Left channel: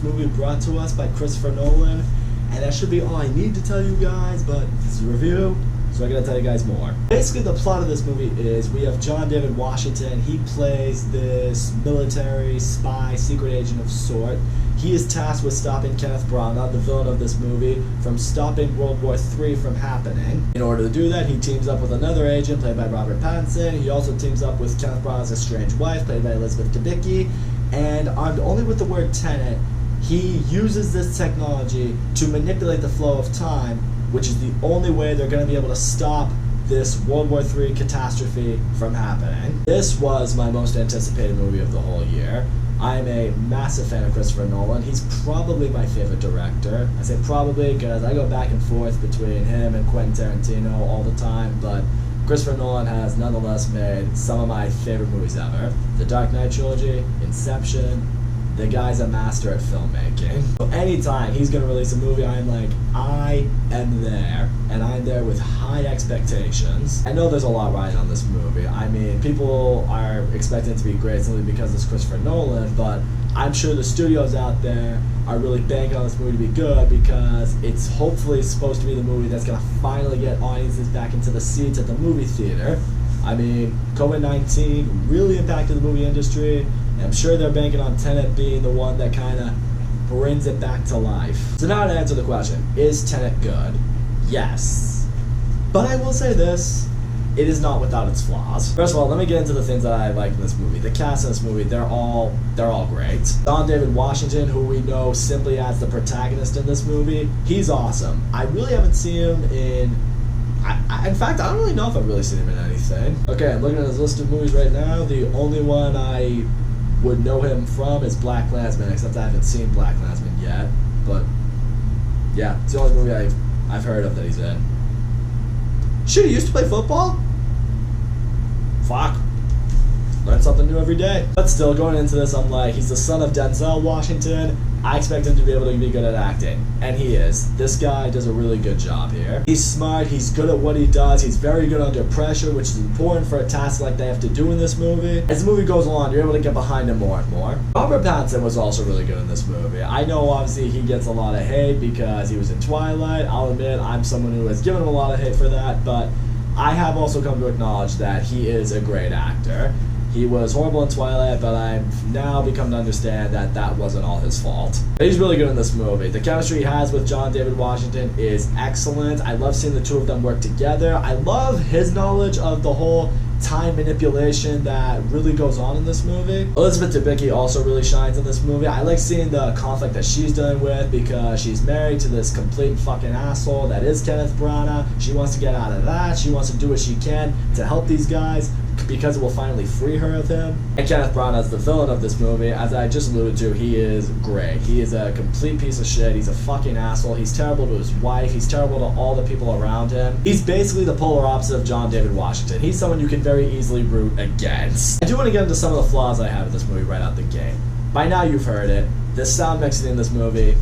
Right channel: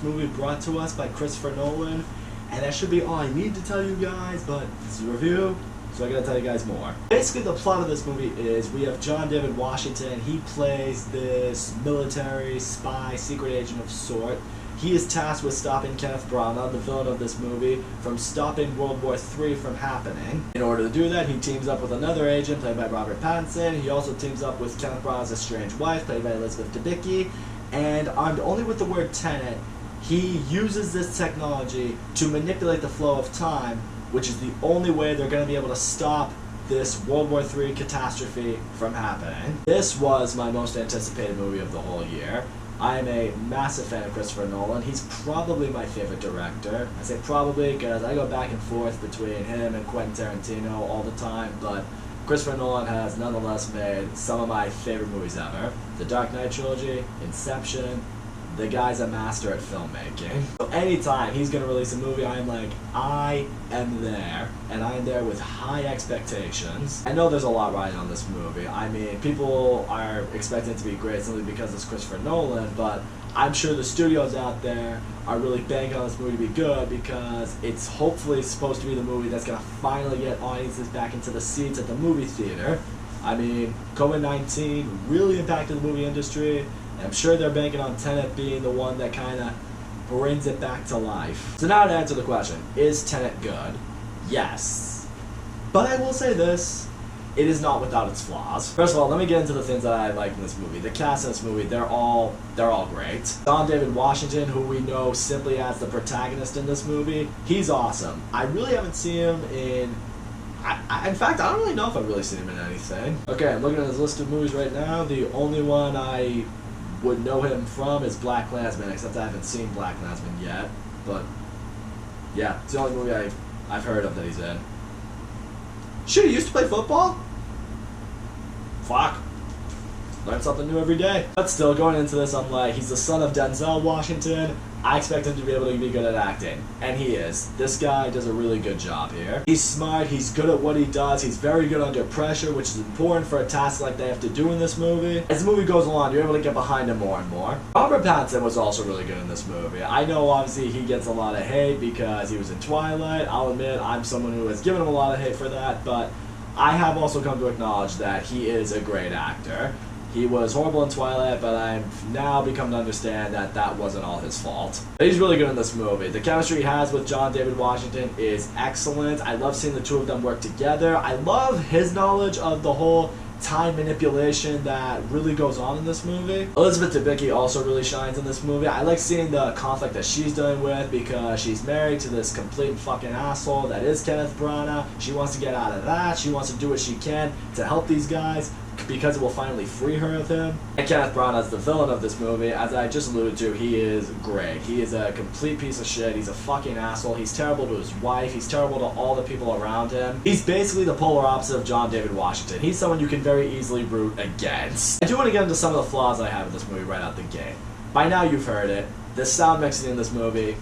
first movie brought to us by Christopher Nolan, and that should be all I need to tell you guys, but this is a review, so I gotta tell you guys more. Basically, the plot of this movie is we have John David Washington. He plays this military spy, secret agent of sort. He is tasked with stopping Kenneth Branagh, the villain of this movie, from stopping World War III from happening. In order to do that, he teams up with another agent played by Robert Patton. He also teams up with Kenneth Branagh's estranged wife played by Elizabeth Debicki. And armed only with the word Tenet, he uses this technology to manipulate the flow of time, which is the only way they're going to be able to stop this World War III catastrophe from happening. This was my most anticipated movie of the whole year. I am a massive fan of Christopher Nolan. He's probably my favorite director. I say probably because I go back and forth between him and Quentin Tarantino all the time, but Christopher Nolan has nonetheless made some of my favorite movies ever. The Dark Knight trilogy, Inception. The guy's a master at filmmaking. So anytime he's gonna release a movie, I am like, I am there. And I'm there with high expectations. I know there's a lot riding on this movie. I mean, people are expecting it to be great simply because it's Christopher Nolan, but I'm sure the studios out there are really banking on this movie to be good because it's hopefully supposed to be the movie that's gonna finally get audiences back into the seats at the movie theater. I mean, COVID-19 really impacted the movie industry. I'm sure they're banking on Tenet being the one that kind of brings it back to life. So now to answer the question, is Tenet good? Yes. But I will say this, it is not without its flaws. First of all, let me get into the things that I like in this movie. The cast in this movie, they're all great. John David Washington, who we know simply as the protagonist in this movie, he's awesome. I really haven't seen him in in fact, I don't really know if I've really seen him in anything. Okay, I'm looking at his list of movies right now. The only one I would know him from is BlacKkKlansman, except I haven't seen BlacKkKlansman yet. But yeah, it's the only movie I've heard of that he's in. Shit, he used to play football? Fuck. Learn something new every day. But still, going into this, I'm like, he's the son of Denzel Washington. I expect him to be able to be good at acting, and he is. This guy does a really good job here. He's smart, he's good at what he does, he's very good under pressure, which is important for a task like they have to do in this movie. As the movie goes along, you're able to get behind him more and more. Robert Patton was also really good in this movie. I know obviously he gets a lot of hate because he was in Twilight. I'll admit I'm someone who has given him a lot of hate for that, but I have also come to acknowledge that he is a great actor. He was horrible in Twilight, but I've now become to understand that that wasn't all his fault. But he's really good in this movie. The chemistry he has with John David Washington is excellent. I love seeing the two of them work together. I love his knowledge of the whole time manipulation that really goes on in this movie. Elizabeth Debicki also really shines in this movie. I like seeing the conflict that she's dealing with because she's married to this complete fucking asshole that is Kenneth Branagh. She wants to get out of that. She wants to do what she can to help these guys because it will finally free her of him. And Kenneth Branagh is the villain of this movie. As I just alluded to, he is great. He is a complete piece of shit. He's a fucking asshole. He's terrible to his wife. He's terrible to all the people around him. He's basically the polar opposite of John David Washington. He's someone you can very easily root against. I do want to get into some of the flaws I have in this movie right out the gate. By now you've heard it. The sound mixing in this movie,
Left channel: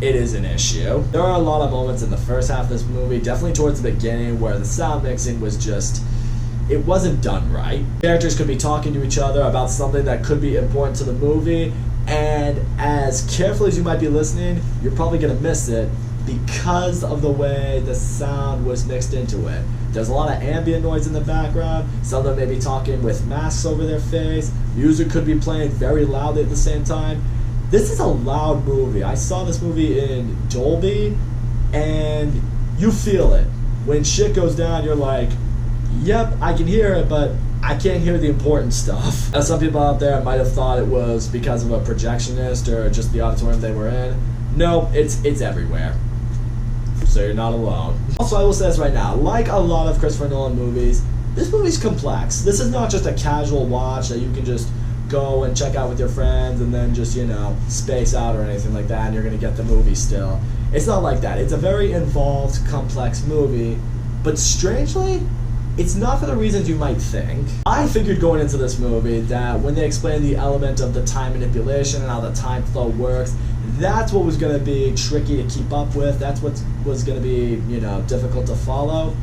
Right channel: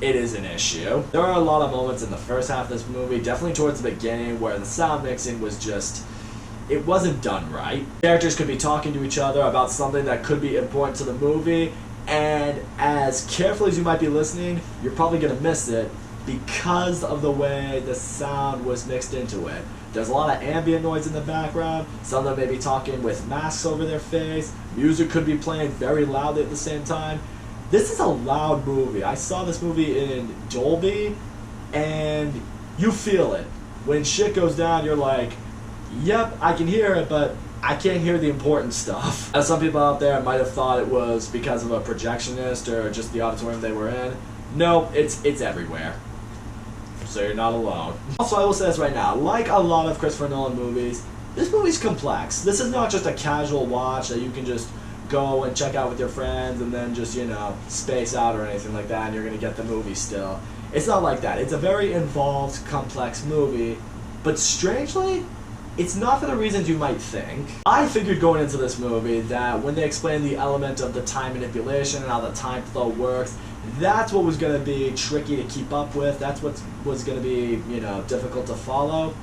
it is an issue. There are a lot of moments in the first half of this movie, definitely towards the beginning, where the sound mixing was just, it wasn't done right. Characters could be talking to each other about something that could be important to the movie, and as carefully as you might be listening, you're probably gonna miss it because of the way the sound was mixed into it. There's a lot of ambient noise in the background. Some of them may be talking with masks over their face. Music could be playing very loudly at the same time. This is a loud movie. I saw this movie in Dolby, and you feel it. When shit goes down, you're like, yep, I can hear it, but I can't hear the important stuff. Now, some people out there might have thought it was because of a projectionist or just the auditorium they were in. No, it's everywhere. So you're not alone. Also, I will say this right now, like a lot of Christopher Nolan movies, this movie's complex. This is not just a casual watch that you can just go and check out with your friends and then just, you know, space out or anything like that and you're gonna get the movie still. It's not like that. It's a very involved, complex movie, but strangely, it's not for the reasons you might think. I figured going into this movie that when they explained the element of the time manipulation and how the time flow works, that's what was going to be tricky to keep up with. That's what was going to be, you know, difficult to follow.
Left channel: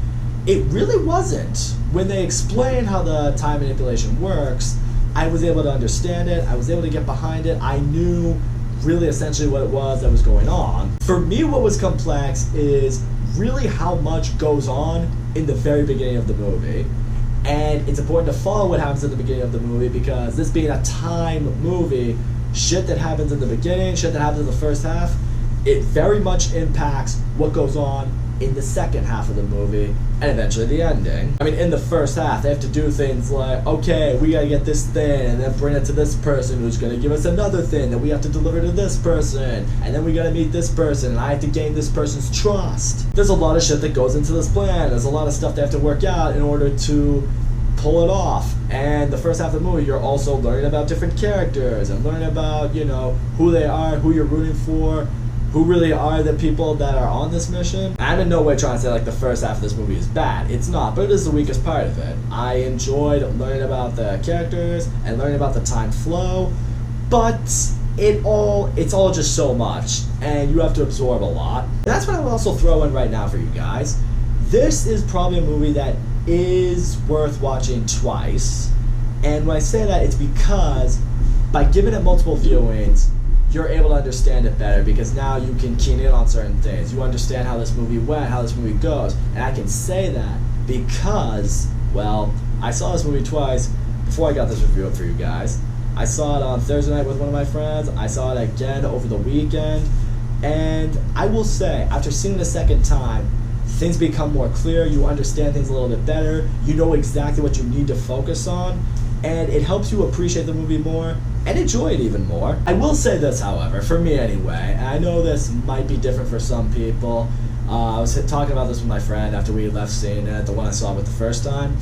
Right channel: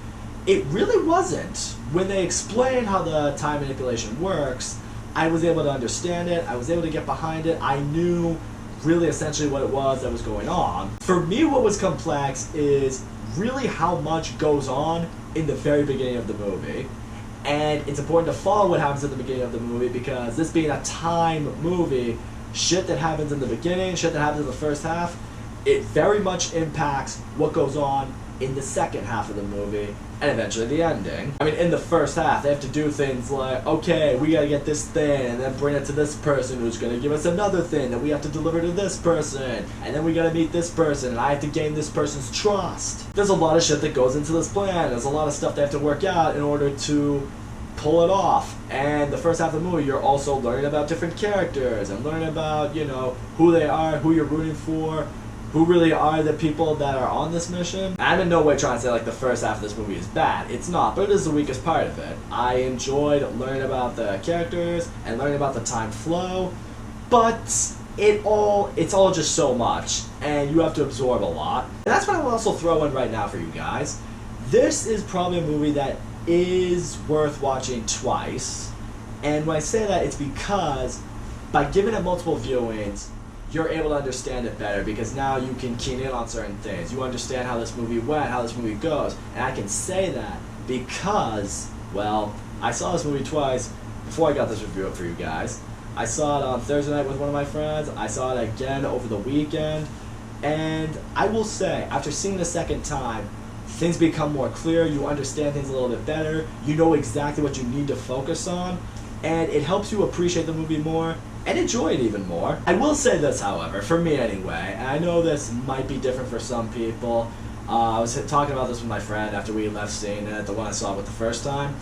It really wasn't. When they explained how the time manipulation works, I was able to understand it. I was able to get behind it. I knew really essentially what it was that was going on. For me, what was complex is really how much goes on in the very beginning of the movie. And it's important to follow what happens at the beginning of the movie, because this being a time movie, shit that happens in the beginning, shit that happens in the first half, it very much impacts what goes on in the second half of the movie, and eventually the ending. I mean, in the first half, they have to do things like, okay, we gotta get this thing, and then bring it to this person who's gonna give us another thing that we have to deliver to this person, and then we gotta meet this person, and I have to gain this person's trust. There's a lot of shit that goes into this plan. There's a lot of stuff they have to work out in order to pull it off. And the first half of the movie, you're also learning about different characters, and learning about, you know, who they are, who you're rooting for, who really are the people that are on this mission. I'm in no way trying to say like the first half of this movie is bad. It's not, but it is the weakest part of it. I enjoyed learning about the characters and learning about the time flow, but it's all just so much, and you have to absorb a lot. And that's what I will also throw in right now for you guys. This is probably a movie that is worth watching twice, and when I say that, it's because by giving it multiple viewings, you're able to understand it better, because now you can key in on certain things. You understand how this movie went, how this movie goes. And I can say that because, well, I saw this movie twice before I got this review up for you guys. I saw it on Thursday night with one of my friends. I saw it again over the weekend. And I will say, after seeing it a second time, things become more clear. You understand things a little bit better. You know exactly what you need to focus on. And it helps you appreciate the movie more and enjoy it even more. I will say this, however, for me anyway, and I know this might be different for some people. I was talking about this with my friend after we left seeing it, the one I saw it with the first time,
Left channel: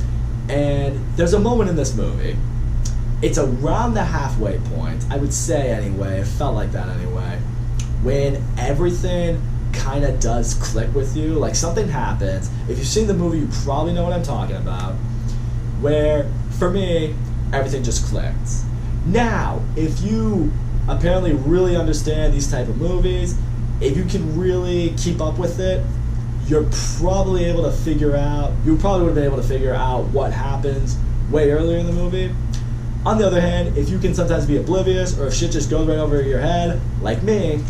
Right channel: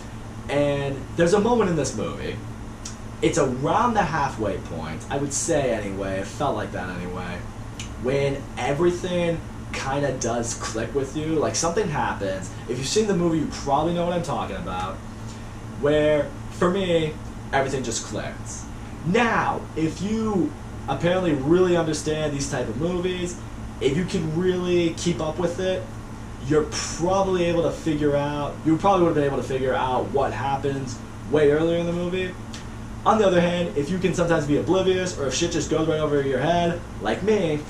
and there's a moment in this movie. It's around the halfway point, I would say anyway, it felt like that anyway, when everything kind of does click with you, like something happens. If you've seen the movie, you probably know what I'm talking about, where, for me, everything just clicked. Now, if you apparently really understand these type of movies, if you can really keep up with it, you're probably able to figure out, you probably would have been able to figure out what happens way earlier in the movie. On the other hand, if you can sometimes be oblivious, or if shit just goes right over your head, like me,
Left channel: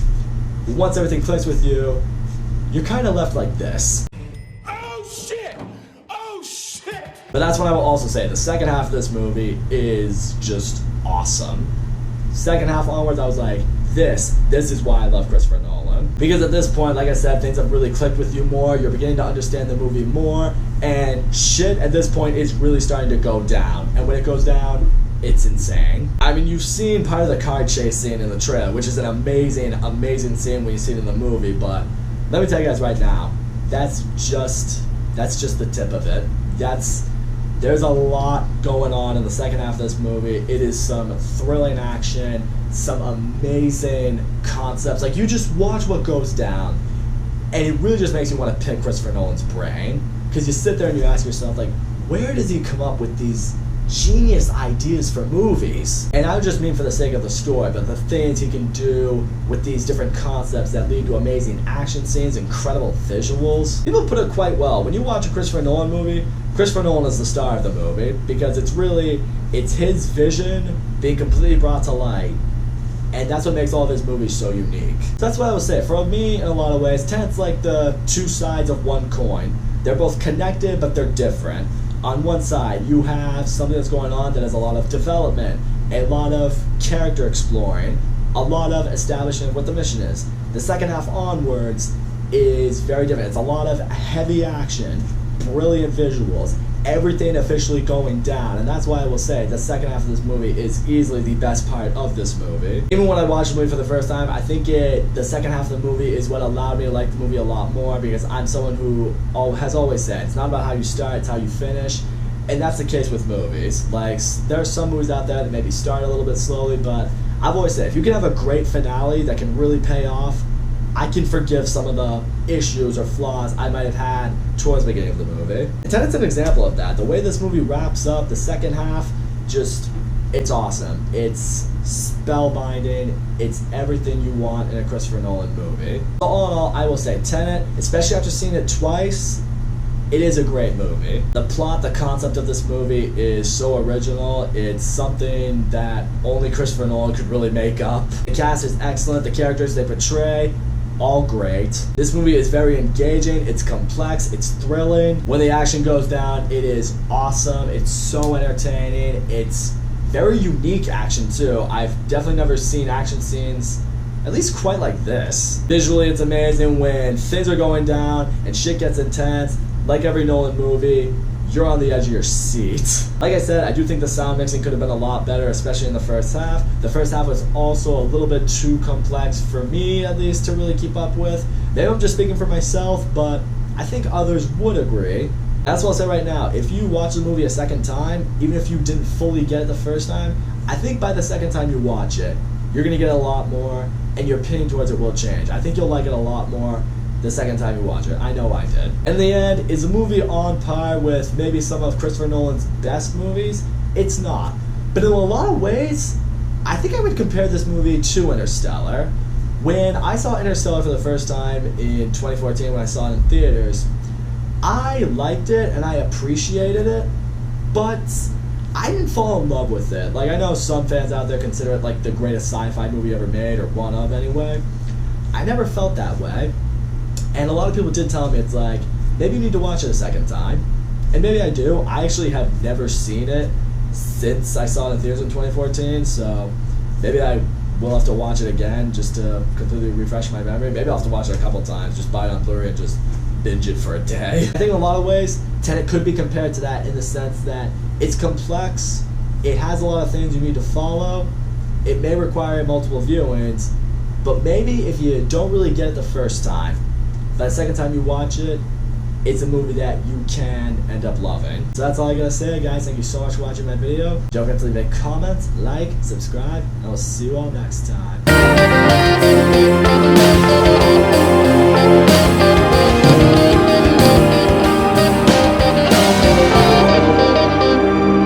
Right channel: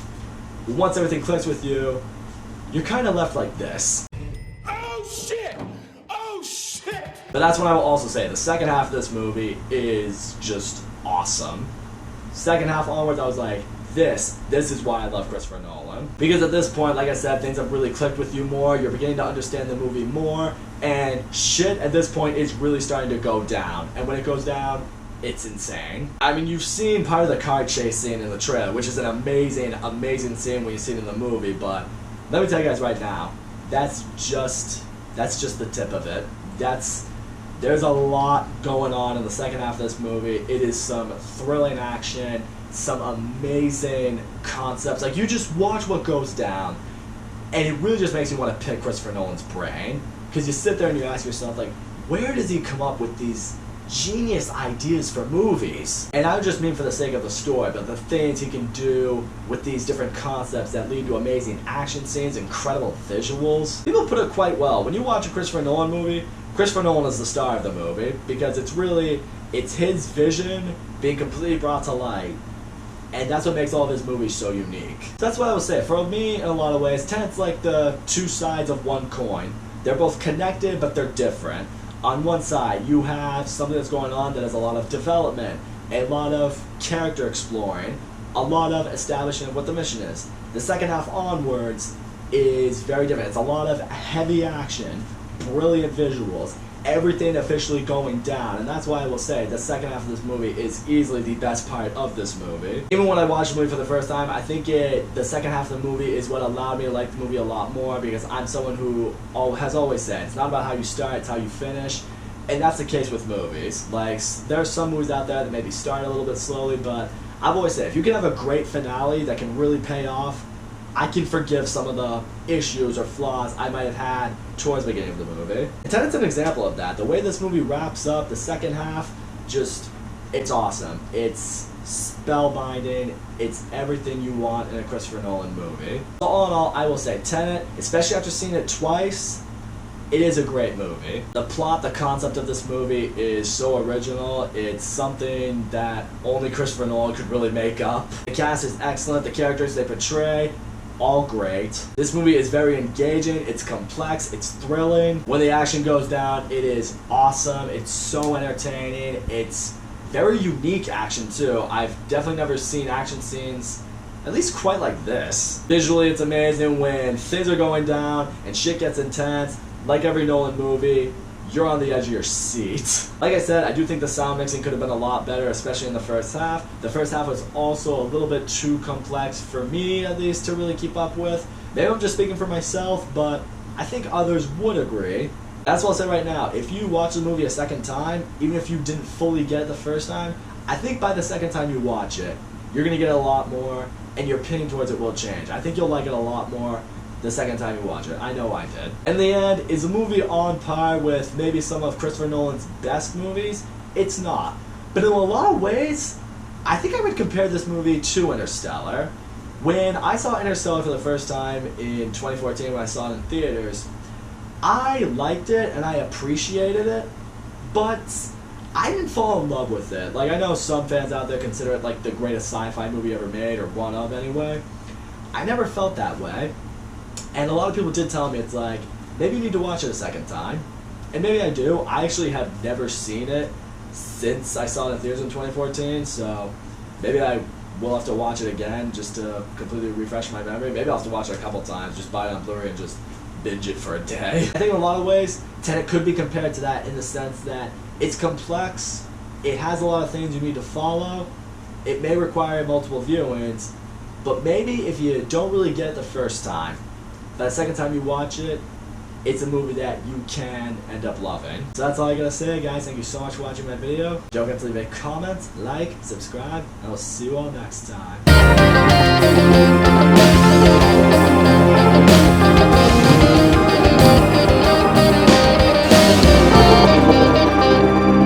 once everything clicks with you, you're kind of left like this. Oh shit! Oh shit! But that's what I will also say. The second half of this movie is just awesome. Second half onwards, I was like, this is why I love Christopher Nolan. Because at this point, like I said, things have really clicked with you more. You're beginning to understand the movie more. And shit at this point is really starting to go down. And when it goes down, it's insane. I mean, you've seen part of the car chase scene in the trailer, which is an amazing, amazing scene when you see it in the movie. But let me tell you guys right now, that's just the tip of it. There's a lot going on in the second half of this movie. It is some thrilling action, some amazing concepts. Like, you just watch what goes down, and it really just makes you want to pick Christopher Nolan's brain. Because you sit there and you ask yourself, like, where does he come up with these genius ideas for movies? And I don't just mean for the sake of the story, but the things he can do with these different concepts that lead to amazing action scenes, incredible visuals. People put it quite well. When you watch a Christopher Nolan movie, Christopher Nolan is the star of the movie, because it's his vision being completely brought to light, and that's what makes all of his movies so unique. So that's what I would say. For me, in a lot of ways, Tenet's like the two sides of one coin. They're both connected, but they're different. On one side, you have something that's going on that has a lot of development, a lot of character exploring, a lot of establishing of what the mission is. The second half onwards is very different. It's a lot of heavy action, brilliant visuals, everything officially going down, and that's why I will say the second half of this movie is easily the best part of this movie. Even when I watched the movie for the first time, I think the second half of the movie is what allowed me to like the movie a lot more, because I'm someone who has always said it's not about how you start, it's how you finish. And that's the case with movies. Like, there are some movies out there that maybe start a little bit slowly, but I've always said if you can have a great finale that can really pay off, I can forgive some of the issues or flaws I might have had towards the beginning of the movie. And Tenet's an example of that. The way this movie wraps up, the second half, it's awesome. It's spellbinding. It's everything you want in a Christopher Nolan movie. So all in all, I will say Tenet, especially after seeing it twice, it is a great movie. The plot, the concept of this movie is so original. It's something that only Christopher Nolan could really make up. The cast is excellent. The characters they portray, all great. This movie is very engaging, it's complex, it's thrilling. When the action goes down, it is awesome, it's so entertaining, it's very unique action too. I've definitely never seen action scenes at least quite like this. Visually, it's amazing when things are going down and shit gets intense. Like every Nolan movie, you're on the edge of your seat. Like I said, I do think the sound mixing could have been a lot better, especially in the first half. The first half was also a little bit too complex for me, at least, to really keep up with. Maybe I'm just speaking for myself, but I think others would agree. That's what I'll say right now. If you watch the movie a second time, even if you didn't fully get it the first time, I think by the second time you watch it, you're gonna get a lot more, and your opinion towards it will change. I think you'll like it a lot more the second time you watch it. I know I did. In the end, is the movie on par with maybe some of Christopher Nolan's best movies? It's not. But in a lot of ways, I think I would compare this movie to Interstellar. When I saw Interstellar for the first time in 2014, when I saw it in theaters, I liked it and I appreciated it, but I didn't fall in love with it. Like, I know some fans out there consider it like the greatest sci-fi movie ever made, or one of anyway. I never felt that way. And a lot of people did tell me, it's like, maybe you need to watch it a second time. And maybe I do. I actually have never seen it since I saw it in theaters in 2014, so maybe I will have to watch it again just to completely refresh my memory. Maybe I'll have to watch it a couple times, just buy it on Blu-ray and just binge it for a day. I think in a lot of ways, Tenet could be compared to that in the sense that it's complex, it has a lot of things you need to follow, it may require multiple viewings, but maybe if you don't really get it the first time, by the second time you watch it, it's a movie that you can end up loving. So that's all I gotta say, guys. Thank you so much for watching my video. Don't forget to leave a comment, like, subscribe, and I'll see you all next time.